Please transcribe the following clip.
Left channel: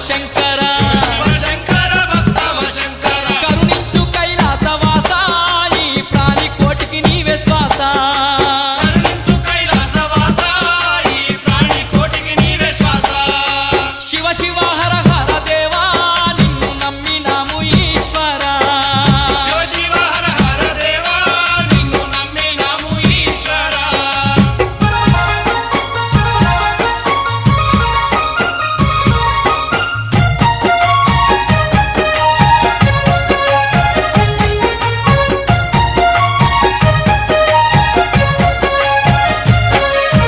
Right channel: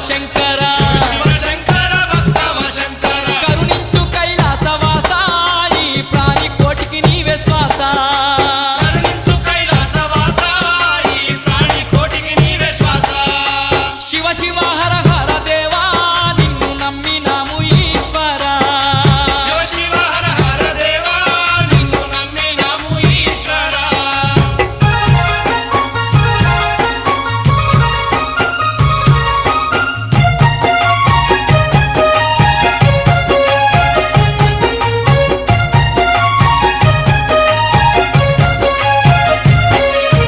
శంకర శివ శంకర భక్తవ శంకర కరుణించు కైలాసవాస ఈ ప్రాణి కోటికి నీవే శ్వాస